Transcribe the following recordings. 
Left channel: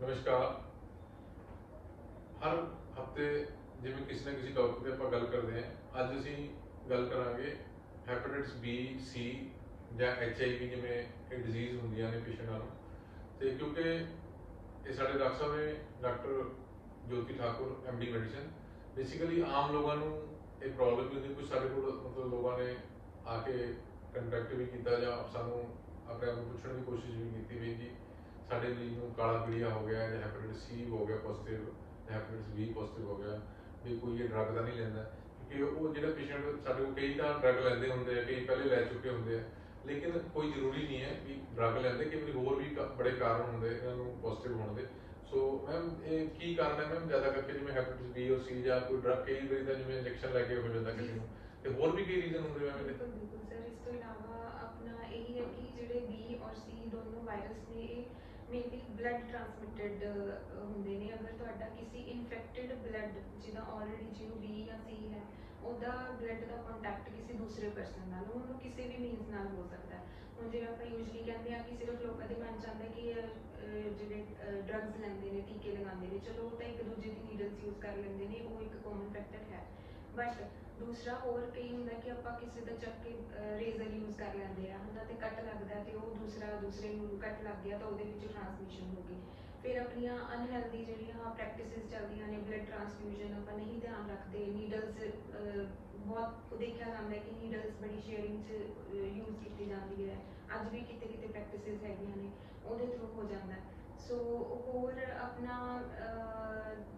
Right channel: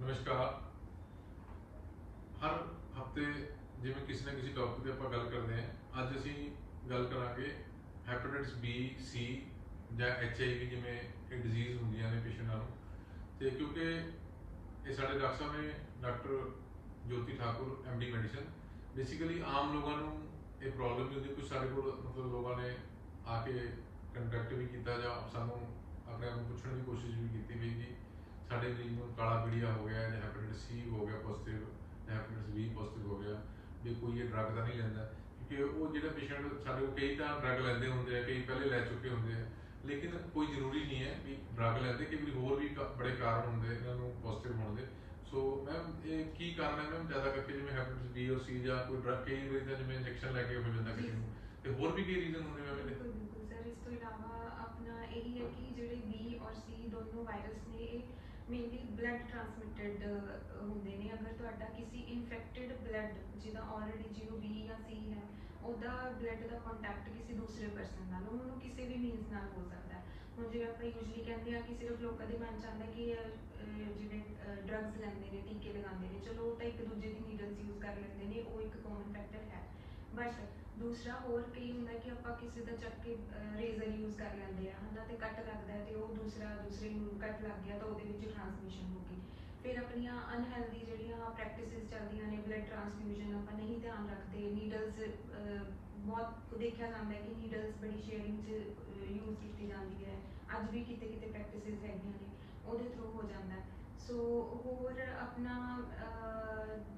ਨਮਸਕਾਰ। ਹਰ ਹਫ਼ਤੇ ਜਿਵੇਂ ਕਿਸੇ ਨਾ ਕਿਸੇ ਟੌਪਿਕ ਤੇ ਆਪਾਂ ਗੱਲ ਕਰਦੇ ਹਾਂ, ਅੱਜ ਅਸੀਂ ਗੱਲ ਕਰਾਂਗੇ ਹੈਪੇਟਾਈਟਸ ਬੀ ਸੀ ਜਾਂ ਐਚ ਆਈ ਵੀ ਜਿਵੇਂ ਇਹ ਡਿਜ਼ੀਜ਼ ਹੁੰਦੀਆਂ ਨੇ ਪੇਸ਼ੈਂਟਾਂ ਨੂੰ। ਤੇ ਕਿਉਂਕਿ ਇਹ ਸਾਡੇ ਡਾਕਟਰ ਸਾਹਿਬ ਨੇ, doctor Jyoti Thakur MD medicine basically ਆਮ ਲੋਕਾਂ ਨੂੰ ਇਹ ਪ੍ਰੋਬਲਮ ਵੀ ਹੁੰਦੀ। ਕੁਝ ਸਾਡੇ ਕੋਲ ਮਤਲਬ ਲੋਕਾਂ ਨੇ ਆ ਕੇ ਕੰਟੈਕਟ ਵੀ ਕੀਤਾ ਜਾਂ ਸਾਨੂੰ ਆਪਣੇ ਆਪ ਨੂੰ ਪੁੱਛਣ ਦੀ ਕੋਸ਼ਿਸ਼ ਵੀ ਕੀਤੀ ਵੀ ਜੀ ਸਾਡੇ ਮਰੀਜ਼ ਨੂੰ ਕਾਲਾ ਪੀਲੀਆ ਹੋ ਗਿਆ, ਜਾਂ ਹੈਪੇਟਾਈਟਸ ਸੀ ਹੋ ਗਿਆ ਪੋਜ਼ਿਟਿਵ ਜਾਂ ਹੈਪੇਟਾਈਟਸ ਬੀ ਪੋਜ਼ਿਟਿਵ ਹੋ ਗਿਆ, ਵੀ ਕੋਈ ਇਹ ਡਰੱਗ ਤਾਂ ਨਹੀਂ ਲੈਂਦਾ। ਕਿਉਂਕਿ ਉਹ ਜਿਹੜਾ ਪੇਸ਼ੈਂਟ ਸਾਡੇ ਕੋਲ ਕਈ ਤਾਂ ਡਰੱਗ ਲੈਂਦੇ ਹੁੰਦੇ ਆ, ਕਈ ਪਹਿਲੇ ਲੈ ਚੁੱਕੇ ਹੁੰਦੇ ਆ, ਲੇਕਿਨ ਕੋਈ ਜ਼ਰੂਰੀ ਨਹੀਂ ਹੈ ਵੀ ਡਰੱਗ ਲੈਂਦੇ, ਕਿ ਵੀ ਹੋਰ ਵੀ ਕ- ਬੜੇ ਕਾਰਨ ਹੁੰਦੇ, ਇਹਨਾਂ ਨੂੰ ਪੋਜ਼ਿਟਿਵ ਹੋਣ ਦੇ। ਸੋ ਮੈਮ ਇਹ ਕੀ ਕਾਰਨ ਹੈ ਮੈਮ ਜ਼ਿਆਦਾ ਕਰਕੇ ਜਿਵੇਂ ਹੈਪੇਟਾਈਟਸ ਬੀ ਔਰ ਸੀ ਜਾਂ ਕੋਈ ਡਰੱਗ ਕਈ ਵਾਰੀ ਤਾਂ ਜਿਵੇਂ ਇੰਜੈਕਸ਼ਨ ਲੈ ਕੇ ਹੋ ਜਾਂਦਾ ਕਿਸੇ ਨੂੰ, ਤੇ ਹੋਰ ਵੀ ਕਈ ਰੀਜ਼ਨ ਹੁੰਦੇ ਮੈਮ ਇਹਦੇ? ਬਿਲਕੁਲ ਬਿਲਕੁਲ ਸਰ ਇਸ ਤੋਂ ਇਲਾਵਾ ਆਪਣਾ ਇਹ ਹੈ ਕਿ ਜਿਹੜੇ ਬੀ ਔਰ ਸੀ ਦੋਨੋਂ ਵਾਇਰਸ ਨੇ, ਇਹ ਮੇਨਲੀ ਬਲੱਡ ਟ੍ਰਾਂਸਮਿਟਡ ਹੁੰਦੇ ਨੇ। ਅਗਰ ਤੁਹਾਡਾ ਕਿਸੇ ਇਨਫੈਕਟਡ ਬਲੱਡ ਜਿਹਦਾ ਆਲਰੇਡੀ ਜਿਹਨੂੰ ਬੀ ਜਾਂ ਸੀ ਹੈ ਉਹਦਾ ਬਲੱਡ ਦਾ ਕੰਟੈਕਟ ਕਿਸੇ ਦੂਸਰੇ ਪਰਸਨ ਨਾਲ ਉਹਨੂੰ ਕਿਸੇ ਵੀ ਮੀਨਸ ਨਾਲ ਹੋ ਸਕਦਾ ਹੈ। ਹੁਣ ਜਿਵੇਂ ਆਪਾਂ ਯੂਜੂਲੀ ਕਹਿੰਦੇ ਆ ਕਿ ਸਿਰਫ ਲੋਕਾਂ ਦੇ ਮਨ ਚ ਆਉਂਦਾ ਕਿ ਅਹ, ਜਿਹੜੇ ਡਰੱਗਸ ਲੈਂਦੇ ਨੇ ਟੀਕੇ ਲਗਾਉਂਦੇ ਨੇ। ਚਲੋ ਉਹ ਤਾਂ ਇੱਕ ਦੂਜੇ ਦੀ ਨੀਡਲਸ ਯੂਜ਼ ਕਰ ਲੈਂਦੇ ਨੇ ਉਹ ਇੱਕ ਕਾਮਨ ਫੈਕਟਰ ਹੈ। ਬਟ ਦੂਸਰਾ ਹੋਰ ਕਈ ਹੁੰਦਾ ਕਿ ਆਪਾਂ ਕਿਸੇ ਦਾ ਚੱਕ ਕੇ ਰੇਜ਼ਰ ਯੂਜ਼ ਕਰ ਲੈਂਦੇ ਆ ਹਨਾ ਤੇ ਕੱਟ ਲੱਗਦਾ ਹੈ ਤੇ ਉਹ ਦੂਸਰਾ, ਦੂਸਰੇ ਨੂੰ ਕੱਟ ਲੱਗ ਗਿਆ ਤਾਂ ਉਹਦੇ ਵਿੱਚ ਟ੍ਰਾਂਸਮਿਸ਼ਨ ਹੋ ਗਈ। ਫਿਰ ਆਪਣੀਆਂ ਅਨਹੈਲਦੀ ਜਿਹੜੀਆਂ ਪ੍ਰੈਕਟਿਸਿਸ ਚੱਲਦੀਆਂ ਨੇ ਬਲੱਡ ਟ੍ਰਾਂਸਫਿਊਜ਼ਨ ਆਪਾਂ ਨਹੀਂ ਧਿਆਨ ਰੱਖਦੇ ਨੀਡਲਸ ਬਹੁਤ ਦੇਖਿਆ ਜਾਂਦਾ ਕਿ ਨੀਡਲਸ ਬੜੀ ਸ਼ੇਅਰਿੰਗ 'ਚ ਯੂਜ਼ ਕੀਤੀ ਜਾਂਦੀ ਹੈ। ਅੱਜ ਵੀ ਕਿਤੇ ਕਿਤੇ ਪ੍ਰੈਕਟਿਸਿਸ ਹੈਗੀਆਂ ਨੇ, ਉਹਦੇ ਥਰੂ ਹੋ ਜਾਂਦਾ। ਸੋ ਹੋਰ ਆਪਣਾ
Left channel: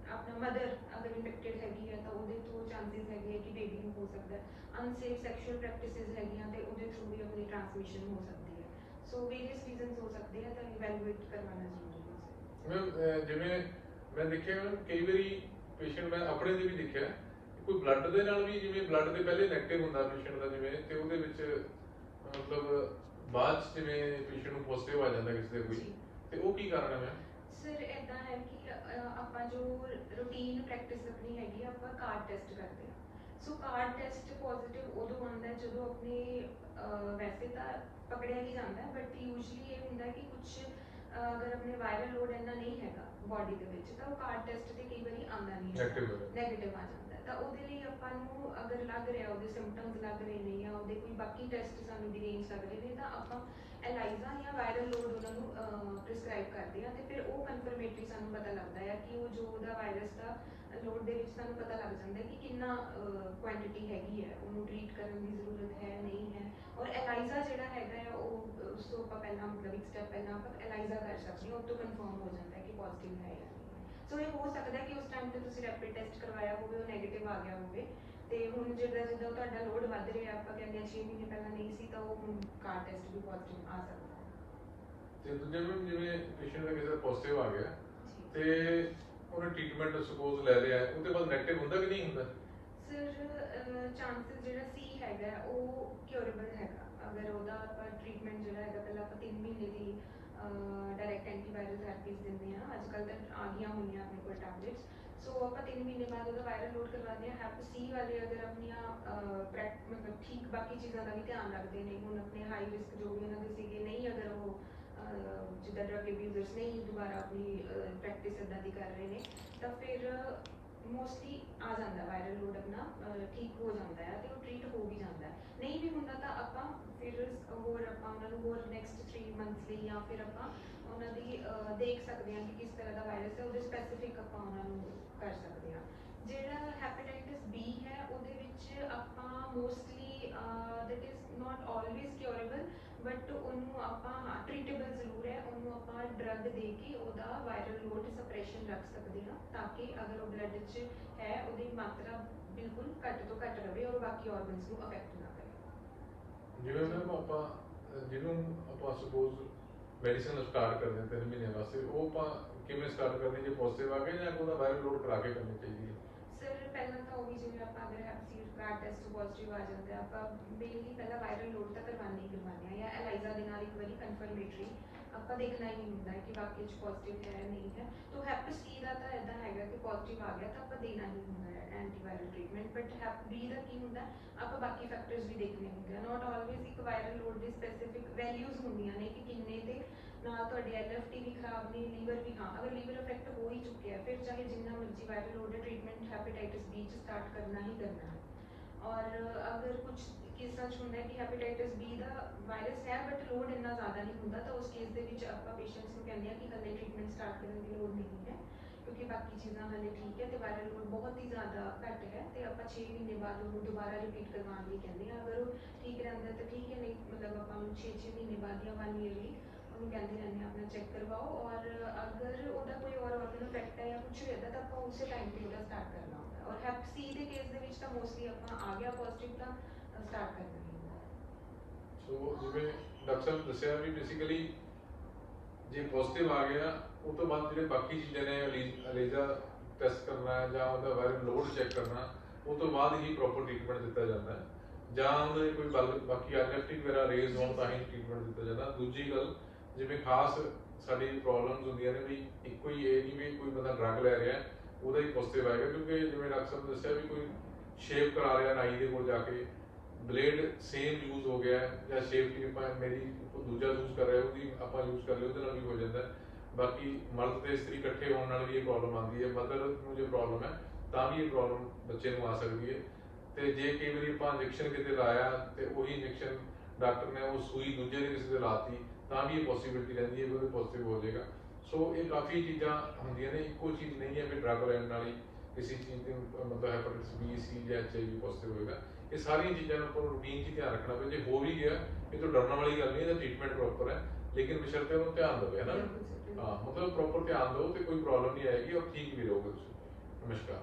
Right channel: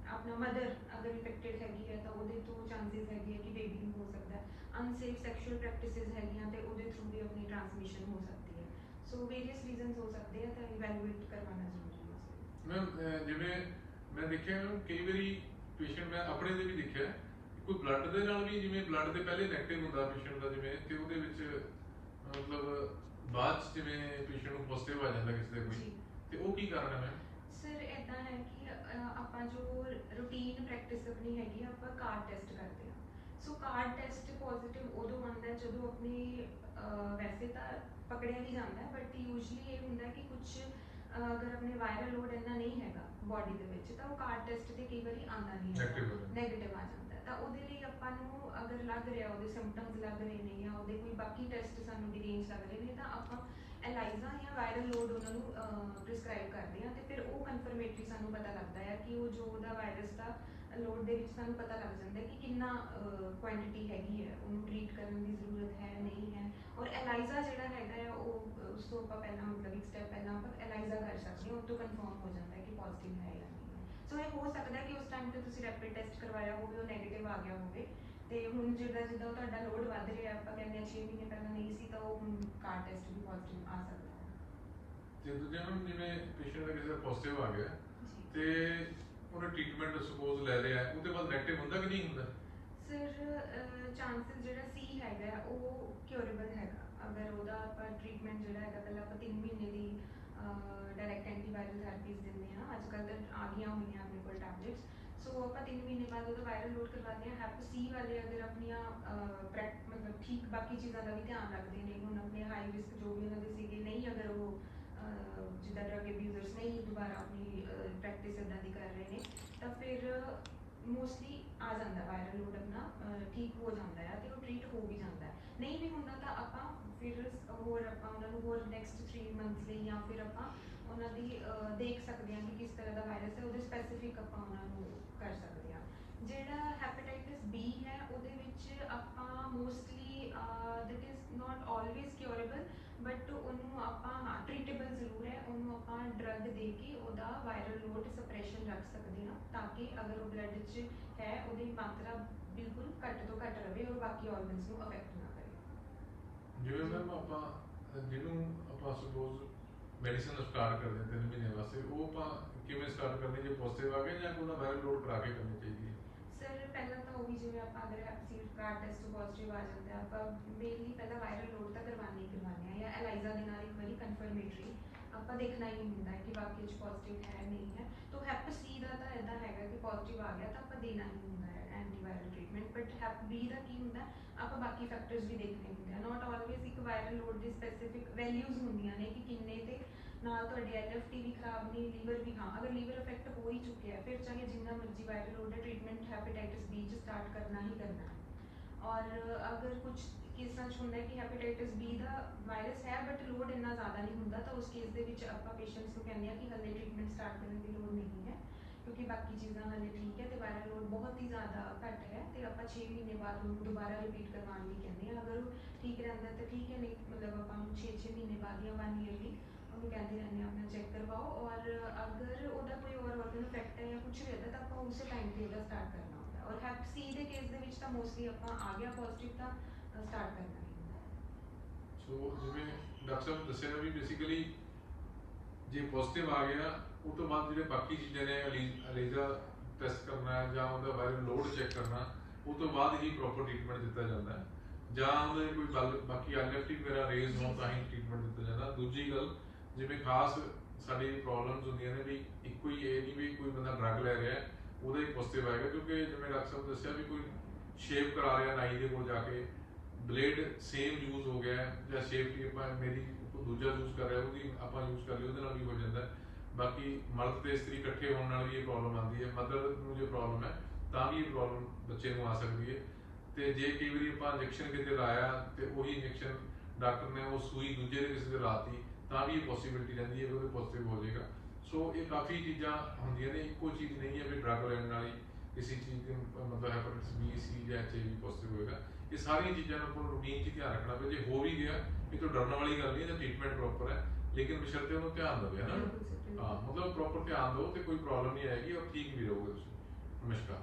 ਆਪਣਾ ਮਦਰ ਅਗਰ ਇਨਫੈਕਟਡ ਹੈਗੀ ਹੈ ਤਾਂ ਉਹਦੇ ਤੋਂ ਚਾਂਸਸ ਹੈਗੇ ਕਿ ਬੇਬੀ ਨੂੰ ਹੋ ਸਕਦਾ ਹੈ। ਅਨਸੇਫ ਸੈਕਸ਼ੂਅਲ ਪ੍ਰੈਕਟਿਸਿਸ ਹੈਗੀਆਂ ਤੇ ਉਹਦੇ ਥਰੂ ਵੀ ਆਪਣੀ ਟ੍ਰਾਂਸਮਿਸ਼ਨ ਹੋ ਸਕਦੀ ਹੈ। ਸੋ ਵੇਰੀਅਸ ਰੀਜ਼ਨਸ ਹੋ ਸਕਦੇ ਆ ਤਾਂ ਇਵੈਲੂਏਟ ਕਰਵਾਉਣਾ ਜ਼ਰੂਰੀ ਹੈ। ਮੈਮ ਜਿਹੜੇ ਮੈਂ ਦੇਖਿਆ ਕਈ ਵਾਰੀ ਪੇਸ਼ੈਂਟ ਮੈਂ ਆਪਣੇ ਦੇ ਵੀ ਦੇਖਿਆ ਕੋਈ ਬਲੱਡ ਦੇ ਨਾਲ ਵੀ ਜਿਵੇਂ ਬਲੱਡ ਦੇ ਪਹਿਲੇ ਨੈਗੇਟਿਵ ਹੁੰਦਾ ਪੇਸ਼ੈਂਟ ਦਾ ਜਿਵੇਂ ਤੇ ਉਹਦੇ ਵਿੱਚ ਮਤਲਬ ਬਾਅਦ 'ਚ ਜਿਵੇਂ ਪੇਸ਼ੈਂਟ ਨੂੰ ਪੋਜ਼ਿਟਿਵ ਆ ਜਾਂਦਾ ਕਿਸੇ ਦੇ ਕੋਈ। ਤੇ ਉਹ ਕੀ ਕਾਰਨ ਹੈ ਮੈਮ ਸਰ ਇਦਾਂ ਹੈ ਕਿ ਅਹ, ਆਪਾਂ ਜੋ ਰੂਟੀਨ ਪ੍ਰੈਕਟਿਸ ਆਪਣੀ ਹੈਗੀ ਆ, ਆਪਾਂ ਕਾਰਡ ਟੈਸਟ ਕਰਦੇ ਆ ਸੋ ਕਾਰਡ ਟੈਸਟ ਪੋਜ਼ਿਟਿਵ ਉਦੋਂ ਆਉਂਦਾ ਹੈ ਜਦੋਂ ਆਪਣੇ ਅਹ, ਵੈਸੇ ਤਾਂ ਪਕੜਿਆ ਹੀ ਜਾਂਦਾ ਬਟ ਯੂਜੂਲੀ ਇਹ ਹੁੰਦਾ ਕਿ ਕੁਝ ਅਗਰ ਆਪਣੇ ਵਾਇਰਲ ਲੋਡ ਇੰਨਾ ਨਹੀਂ ਹੈਗਾ ਬਾਡੀ ਦੇ ਵਿੱਚ ਤਾਂ ਉਹ ਕਾਰਡ ਟੈਸਟ ਤੇ ਕਈ ਵਾਰੀ ਆਉਂਦਾ ਨਹੀਂ Negative ਹੋ ਜਾਂਦਾ। ਨੈਗੇਟਿਵ ਆ ਜਾਂਦਾ ਹੈ। ਤਾਂ ਉਹਦੇ ਲਈ ਆਪਾਂ ਨੂੰ ਅਗਰ ਲੱਗ ਰਿਹਾ ਉਹਦੇ ਸਿੰਪਟਮਸ ਲੱਗ ਰਹੇ ਨੇ ਜਾਂ ਉਹਦੇ ਕੋਈ ਬਾਕੀ ਟੈਸਟ ਸਾਨੂੰ ਗ੍ਰੀਨਸ ਲੱਗ ਰਹੇ ਨੇ ਤਾਂ ਆਪਾਂ ਐਲਾਈਜ਼ਾ ਜਾਂ ਵਾਇਰਲ ਲੋਡ ਉਹਨਾਂ ਨੂੰ ਪ੍ਰਿਸਕ੍ਰਾਈਬ ਕਰਦੇ ਆ ਤੇ ਫਿਰ ਉਹ ਕਨਫਰਮੇਟਰੀ ਸਾਨੂੰ ਪਤਾ ਲੱਗਦਾ ਹੈ ਕਿ ਉਹ ਜੋ ਉਹਦਾ ਵਾਇਰਸ ਦਾ ਲੋਡ ਦੇ ਵਿੱਚ ਸਾਨੂੰ ਪਤਾ ਲੱਗ ਜਾਂਦਾ ਹੈ ਕਿ ਕਿੰਨਾ ਕੁਆਂਟੀਟੀ ਹੈਗੀ ਹੈ, ਉਹਨੂੰ ਟ੍ਰੀਟ ਕਰਨ ਦੀ ਜ਼ਰੂਰਤ ਹੈ, ਨਹੀਂ ਹੈ ਔਰ ਐਲਾਈਜ਼ਾ ਜਿਹੜਾ ਹੈਗਾ ਆ ਉਹ, ਉਸ ਤੋਂ ਆਪਾਂ ਪਹਿਲਾਂ ਮਤਲਬ ਇੱਕ ਸਟੈਪ ਪਹਿਲਾਂ ਆਪਾਂ ਐਲਾਈਜ਼ਾ ਕਰ ਸਕਦੇ ਹਾਂ, ਉਹ ਤੋਂ ਕਨਫਰਮ ਹੋ ਜਾਂਦਾ ਹੈ ਕਿ ਪੋਜ਼ਿਟਿਵ ਹੈ ਜਾਂ ਨਹੀਂ ਸੋ ਇਹ ਹੋ ਸਕਦਾ ਕਿ ਉਸ ਟਾਈਮ ਤੇ ਤੁਸੀਂ ਰੈਪਿਡ ਟੈਸਟ ਕਰਵਾਇਆ ਹੋਵੇ, ਉਹ 네ਗੇਟਿਵ ਆ ਗਿਆ ਹੋਵੇ ਤੇ ਹੁਣ ਜਿਹੜਾ ਜਿੱਦਾਂ ਉਹ ਤੁਹਾਡਾ ਲੋਡ ਵੱਧ ਰਿਹਾ ਆਪਾਂ ਕਹਿੰਦੇ ਆ 6 ਮਹੀਨੇ ਪਹਿਲਾਂ ਨਹੀਂ ਸੀ ਤਾਂ ਉਹ ਹੁਣ ਕਾਰ ਟੈਸਟ ਵੀ ਪੋਜ਼ਿਟਿਵ ਆ ਸਕਦਾ। ਤੇ ਦੂਜੇ ਮੈਮ ਜਿਵੇਂ ਪੇਸ਼ੈਂਟ ਦਾ ਕਿਸੇ ਪੋਜ਼ਿਟਿਵ ਆ ਗਿਆ ਤੇ ਉਹਨੇ ਟ੍ਰੀਟਮੈਂਟ ਸਪੋਜ਼ ਲੈ ਲਿਆ ਉਹਦੇ ਬਾਅਦ ਨੈਗੇਟਿਵ ਹੁੰਦਾ ਕਿ ਨਹੀਂ ਹੁੰਦਾ? ਸਰ ਚਾਂਸਸ ਜਿਹੜਾ ਸੀ ਹੈਗਾ ਉਹ ਕਿਉਰੇਬਲ ਹੈਗਾ। ਅਗਰ ਉਹਦਾ ਆਪਾਂ ਟ੍ਰੀਟਮੈਂਟ ਜਿਹੜਾ ਹੈਗਾ ਪਹਿਲਾਂ ਆਪਾਂ 3 ਮਹੀਨੇ ਦੀ ਡਾਇਰੈਕਟ ਐਂਟੀਵਾਇਰਲ ਥੈਰੇਪੀਜ਼ ਦਿੰਦੇ ਆ ਅੱਜ ਕੱਲ੍ਹ ਤਾਂ ਆ ਗਈਆਂ ਹੋਈਆਂ ਆਪਣੇ ਕੋਲ ਟੈਬਲੇਟਸ ਸੋ ਆਪਾਂ 3 ਮਹੀਨੇ ਬਾਅਦ ਉਹਦਾ ਵਾਇਰਲ ਲੋਡ ਕਰਵਾਉਂਦੇ ਆ ਹੈਪ ਸੀ ਵਾਲੇ ਅਗਰ ਆਪਣੀਆਂ ਪ੍ਰੈਕ- ਮਤਲਬ ਠੀਕ ਬਾਕੀ ਚੀਜ਼ਾਂ ਦਾ ਵੀ ਧਿਆਨ ਰੱਖਦੇ ਨੇ ਹੁਣ ਆਪਣੇ ਹਾਈ ਰਿਸਕ ਜੋ ਵੀ ਉਹਨਾਂ ਦੇ ਸੀਗੇ ਨਹੀਂ ਅਗਰ ਉਹ ਅਹ, ਜਿੱਦਾਂ ਡਰਗ ਅਬਿਊਜ਼ਰਸ ਨਹੀਂ ਦੁਬਾਰਾ ਆਪਣੀ ਪ੍ਰੈਕਟਿਸ ਇਦਾਂ ਦੀ ਕਰ ਰਹੇ ਨੇ ਤਾਂ ਫਿਰ ਮੋਸਟਲੀ ਆ ਜਾਂਦਾ ਵਾਇਰਲ ਲੋਡ ਆਪਣਾ ਅਹ, ਠੀਕ ਹੋ ਜਾਂਦਾ ਹੈ ਤੇ ਉਹ ਟ੍ਰੀਟ ਹੋ ਵੀ ਜਾਂਦਾ ਹੈ ਨਹੀਂ ਵੀ ਹੁੰਦਾ ਤਾਂ ਆਪਾਂ ਫਿਰ ਹੋਰ ਆਪਾਂ ਉਹਨਾਂ ਨੂੰ ਹੋਰ ਨੈਕਸਟ 3 ਮੰਥਸ ਲਈ ਜਾਂ ਫਿਰ ਆਪਾਂ ਉਹਨਾਂ ਦੀ ਅਹ, ਦੇਖ ਸਕਦੇ ਹਾਂ ਕਿ ਕਿਸ ਤਰ੍ਹਾਂ ਦਾ ਵਾਇਰਸ ਹੈ ਉਹਦੇ ਸਪੈਸੀਫਿਕ ਆਪਾਂ ਉਹਨਾਂ ਨੂੰ ਕਰ ਸਕਦੇ ਹਾਂ। ਜਿਹੜਾ ਹੈਪੇਟਾਈਟਿਸ ਬੀ ਹੈ, ਉਹਦੇ ਵਿੱਚ ਆਪਾਂ mostly that is not always curable but ਉਹਨੂੰ ਆਪਾਂ, ਹਾਂ ਟ੍ਰੀਟੇਬਲ ਜ਼ਰੂਰ ਹੈ। ਉਹਨੂੰ ਆਪਾਂ ਡਰਗ ਦੇ ਕੇ ਉਹਦਾ ਵਾਇਰਲ ਲੋਡ ਸਪਰੈਸ਼ਨ ਰੱਖ ਸਕਦੇ ਹਾਂ, ਤਾਂ ਕਿ ਅਗਰ ਉਹ ਬਲੱਡ 'ਚ ਹੈ, ਉਹਦੀ ਮਾਤਰਾ ਬਿਲਕੁਲ ਘੱਟ ਤੋਂ ਘੱਟ ਰਵੇ ਔਰ ਬਾਕੀ ਆਰਗਨਸ ਨੂੰ ਅਫੈਕਟ ਨਾ ਕਰੇ। ਜਿਵੇਂ ਮੈਮ ਆਪਾਂ, ਅਹ, ਜਿਹਨੂੰ ਆਪਾਂ ਸਪੋਜ਼ ਮੈਡੀਸਿਨ ਸਟਾਰਟ ਕਰਦੇ ਹਾਂ, ਤਿੰਨ ਮਹੀਨਿਆਂ ਵਾਸਤੇ ਉਹ ਆਪਾਂ ਕਿਵੇਂ ਸਟਾਰਟ ਕਰਨੀ ਜੇ ਪੋਜ਼ਿਟਿਵ ਆ ਗਿਆ ਜਾਂ ਉਹਦਾ ਵਾਇਰਲ ਲੋਡ ਕਰਾ ਕੇ ਕਰਨੀ ਚਾਹੀਦੀ ਹੈ? ਸਰ ਪਹਿਲਾਂ ਤਾਂ ਉਹੀ ਜਿਵੇਂ ਆਪਾਂ ਅਗਰ ਹੈਪਸੀਡ ਕਾਰਡ ਟੈਸਟ ਪੋਜ਼ਿਟਿਵ ਆ ਜਾਂਦਾ ਹੈ, ਆਪਾਂ ਮੇਨਲੀ ਪਹਿਲਾਂ ਵਾਇਰਲ ਲੋਡ ਤਾਂ ਕਰਵਾਉਣਾ ਹੀ ਕਰਵਾਉਣਾ ਹੈ ਜਾਂ ਐਲਾਈਜ਼ਾ ਦੇ ਨਾਲ ਇੱਕ ਵਾਰੀ ਕਨਫਰਮੇਟਰੀ ਆਪਾਂ ਦੇਖਣਾ ਹੀ ਹੁੰਦਾ ਹੈ ਕਿ ਵਾਕਈ ਚ ਪੋਜ਼ਿਟਿਵ ਹੈ ਨਹੀਂ ਹੈ। ਤਾਂ ਹੈਪ ਸੀ ਦਾ ਤਾਂ ਇਦਾਂ ਹੈਗਾ ਕਿ ਪੋਜ਼ਿਟਿਵ ਆ ਗਿਆ ਤਾਂ ਆਪਾਂ ਦੇਣਾ ਹੀ ਹੁੰਦਾ ਹੈ antiviral treatment but hep B ਦਾ ਕੀ ਹੁੰਦਾ ਹੈ, ਆਪਾਂ ਬਾਕੀ ਫੈਕਟਰਸ ਵੀ ਦੇਖਣੇ ਹੁੰਦੇ ਆ। ਨਾਟ ਆਲਵੇਜ਼ ਇੱਕ ਵਾਇਰਲ ਲੋਡ ਦੀ ਸਪੈਸੀਫਿਕ ਵੈਲਿਊਜ਼ ਹੁੰਦੀਆਂ ਨੇ ਕਿ ਕਿੰਨੇ ਤੇ ਨਾਲ ਤੁਹਾਡੇ ਐਲਐਫਟੀ ਵੀ ਖਰਾਬ ਨਹੀਂ ਲੀਵਰ ਵੀ, ਹਾਂ, ਅਗਰ ਲੀਵਰ ਚੁੱਕਿਆ ਫਿਰ ਚਾਹੇ ਜਿੰਨਾ ਮਰਜ਼ੀ ਵਾਇਰਲ ਲੋਡ ਹੈ ਟ੍ਰੀਟਮੈਂਟ ਹੈਪੇਟਾਈਟਿਸ ਬੀ ਚ ਸਟਾਰਟ ਕਰਨਾ ਹੀ ਕਰਨਾ ਹੈ। ਔਰ ਅਗਰ ਕੁਝ ਕੇਸਾਂ 'ਚ ਹੁੰਦਾ ਹੈ ਕਿ ਹੈਪੇਟਾਈਟਿਸ ਬੀ ਦਾ ਵਾਇਰਸ ਹੈ ਬਟ ਲੋਡ ਇੰਨਾ ਜ਼ਿਆਦਾ ਨਹੀਂ ਹੁੰਦਾ, ਤਾਂ ਉਸ ਕੇਸ ਦੇ ਵਿੱਚ ਆਪਾਂ ਪੇਸ਼ੈਂਟਸ ਨੂੰ ਕਹਿੰਦੇ ਆ ਕਿ ਹਲੇ ਟ੍ਰੀਟਮੈਂਟ ਸਟਾਰਟ ਕਰਨ ਦੀ ਲੋੜ ਨਹੀਂ ਹੈ, ਕਿਉਂਕਿ ਬਾਕੀ ਚੀਜ਼ਾਂ ਹਲੇ ਠੀਕ ਹੈ ਤੇ ਵਾਇਰਲ ਲੋਡ ਬਹੁਤ ਹੀ ਜ਼ਿਆਦਾ ਘੱਟ ਹੈ ਤੇ ਆਪਾਂ 6 ਮਹੀਨੇ ਬਾਅਦ ਉਹਨੂੰ ਦੁਬਾਰਾ ਰਿਪੀਟ ਕਰਵਾਉਣ ਲਈ ਕਹਿੰਦੇ ਆ ਅਗਰ ਉਹ ਠੀਕ ਰਹਿੰਦਾ ਤਾਂ ਠੀਕ ਹੈ, ਨਹੀਂ, ਮਤਲਬ ਆਪਾਂ ਨੂੰ 6-6 ਮਹੀਨੇ ਬਾਅਦ ਜਾਂ 1 ਈਅਰ ਲਈ ਕਹਿੰਦੇ ਰਹਿੰਦੇ ਆਪਣਾ ਚੈੱਕ ਕਰਵਾਓ ਔਰ ਅਗਰ ਉਹਦਾ ਕੋਈ ਹੋਰ ਆਰਗਨ ਇਫੈਕਟ ਹੈ ਜਾਂ ਕੁਝ ਵੀ ਇੱਦਾਂ ਤਾਂ ਆਪਾਂ ਉਸੇ ਟਾਈਮ ਤੇ ਉਹਦਾ ਸਟਾਰਟ ਕਰਨਾ ਹੁੰਦਾ ਔਰ ਹੈਪ ਸੀ ਦੇ ਕੇਸ ਦੇ ਵਿੱਚ ਤਾਂ ਮੋਸਟਲੀ ਆਪਾਂ ਆ ਗਿਆ ਪੋਜ਼ਿਟਿਵ ਤਾਂ ਸਟਾਰਟ ਕਰਨਾ ਹੀ। ਸੋ ਜਿਵੇਂ ਡਾਕਟਰ ਸਾਹਿਬ ਦੱਸਿਆ ਵੀ ਬੇਸਿਕਲੀ ਜੇ ਪੋਜ਼ਿਟਿਵ ਆ ਗਿਆ, ਉਹ ਤੋਂ ਬਾਅਦ ਜਿਹੜੇ ਬਾਕੀ ਚੀਜ਼ਾਂ ਨੇ, ਅਲੀਜ਼ਾ ਟੈਸਟ ਕਰਨਾ ਜਾਂ ਉਹਦਾ ਵਾਇਰਲ ਲੋਡ ਚੈੱਕ ਕਰਨਾ, ਉਹ ਤੋਂ ਬਾਅਦ ਹੀ ਪ੍ਰੋਪਰ ਟ੍ਰੀਟਮੈਂਟ ਦਿੱਤਾ ਜਾਂਦਾ ਹੈ। ਜਾਂ ਉਹਦੇ ਕੋਈ ਬਾਕੀ ਅਲਰਟਿਕ ਵਗੈਰਾ ਰੇਜ਼ ਹੋਣ ਤਾਂ ਹੀ ਟ੍ਰੀਟਮੈਂਟ ਦਿੱਤਾ ਜਾਂਦਾ। ਦੂਜੀ ਗੱਲ ਜਿਵੇਂ ਖਾਸ ਸਾਡੀ ਪ੍ਰੋਬਲਮਸ ਹੁੰਦੀਆਂ ਨੇ ਵੀ ਇੱਕੋ ਹੀ ਇਹ ਨਹੀਂ ਵੀ ਕੋਈ ਬੰਦਾ ਡਰੱਗ ਲੈ ਰਿਹਾ, ਉਹਦਾ ਹੀ ਪੋਜ਼ਿਟਿਵ ਆਏਗਾ ਕਿਉਂਕਿ ਜਿਵੇਂ ਡਾਕਟਰ ਸਾਹਿਬ ਨੇ ਦੱਸਿਆ ਵੀ ਕੋਈ ਸ਼ੇਪ ਕਰਾ ਰਿਹਾ ਨਾਈ ਦੇ ਕੋਲ ਜਾ ਕੇ ਬਲੇਡ ਸੇਮ ਯੂਜ਼ ਹੋ ਗਿਆ, ਜਾਂ ਸ਼ੇਪ ਦੀ ਆਪਾਂ ਮੇਰੀ ਦੂਜਾ ਯੂਜ਼ ਕਰ ਰਿਹਾ, ਉਹਦੀ ਆਪਾਂ ਯੂਜ਼ ਕਰ ਲਿਆ ਉਹਦੇ ਨਾਲ ਵੀ ਹੋ ਜਾਂਦਾ। ਬਾਕੀ ਮਰਦ ਤੇ ਇਸਤਰੀ ਇਕੱਠੇ ਹੋਣ ਨਾਲ ਵੀ ਇਹ ਪ੍ਰੋਬਲਮ ਆਉਂਦੀ ਹੈ ਮਦਰ ਨੂੰ ਜੇ ਪ੍ਰੋਬਲਮ ਹੈ, ਤਾਂ ਵੀ ਇਹ ਪ੍ਰੋਬਲਮ ਬੱਚੇ ਨੂੰ ਆ ਸਕਦੀ ਹੈ। ਤੇ ਜੇ ਕਈ ਵਾਰੀ ਆਪਾਂ ਇੰਜੈਕਸ਼ਨ ਕਿਤੇ ਲਾਇਆ, ਤੇ ਉਹੀ ਇੰਜੈਕਸ਼ਨ ਡਾਕਟਰ ਨੇ ਉਹ ਸੂਈ ਦੂਜੇ ਦੇ ਕਿਸੇ ਦੇ ਲਾਤੀ ਤਾਂ ਵੀ ਇਹ ਪੋਸਿਬਿਲਿਟੀ ਰਹਿੰਦੀ ਹੈ ਕਿ ਉਹਦੇ ਪੋਜ਼ਿਟਿਵ ਹੋ ਜਾਏਗਾ। ਸੋ ਇਹ ਕਾਫੀ ਚੀਜ਼ਾਂ ਹੁੰਦੀਆਂ ਨੇ ਇੱਕੋ ਚੀਜ਼ ਨਹੀਂ ਹੈ ਵੀ ਡਰੱਗ ਲੈਣ ਨਾਲ ਹੀ ਕਿਸੇ ਚੀਜ਼ ਦੀ ਮਤਲਬ ਹੈਪੇਟਾਈਟਸ ਬੀ ਸੀ ਜਾਂ ਐਚਆਈਵੀ ਪੋਜ਼ਿਟਿਵ ਹੋਏਗਾ। ਇਹ ਸਾਰੀਆਂ ਚੀਜ਼ਾਂ ਨੂੰ ਆਪਾਂ ਰੂਟੀਨ 'ਚ ਧਿਆਨ ਰੱਖਣਾ ਪਏ ਜੇ ਹੋ ਵੀ ਗਿਆ ਇਹ ਤਾਂ ਡਰਨ ਵਾਲੀ ਗੱਲ ਨਹੀਂ ਇਹਦਾ ਟ੍ਰੀਟਮੈਂਟ ਪ੍ਰੋਪਰ ਹੈ। ਲੇਕਿਨ ਬਸ਼ਰਤੇ ਉਹਨੂੰ ਧਿਆਨ ਦੇਵੇ ਹੈ ਨਾ। ਹਾਂ ਮਤਲਬ ਪ੍ਰੋਪਰ ਧਿਆਨ ਦਿਓ ਤੇ ਕੋਈ ਪ੍ਰੋਬਲਮ ਨਹੀਂ ਆਏਗੀ ਔਰ ਠੀਕ ਵੀ ਰਹੋਗੇ ਤੁਸੀਂ। ਨਮਸਕਾਰ।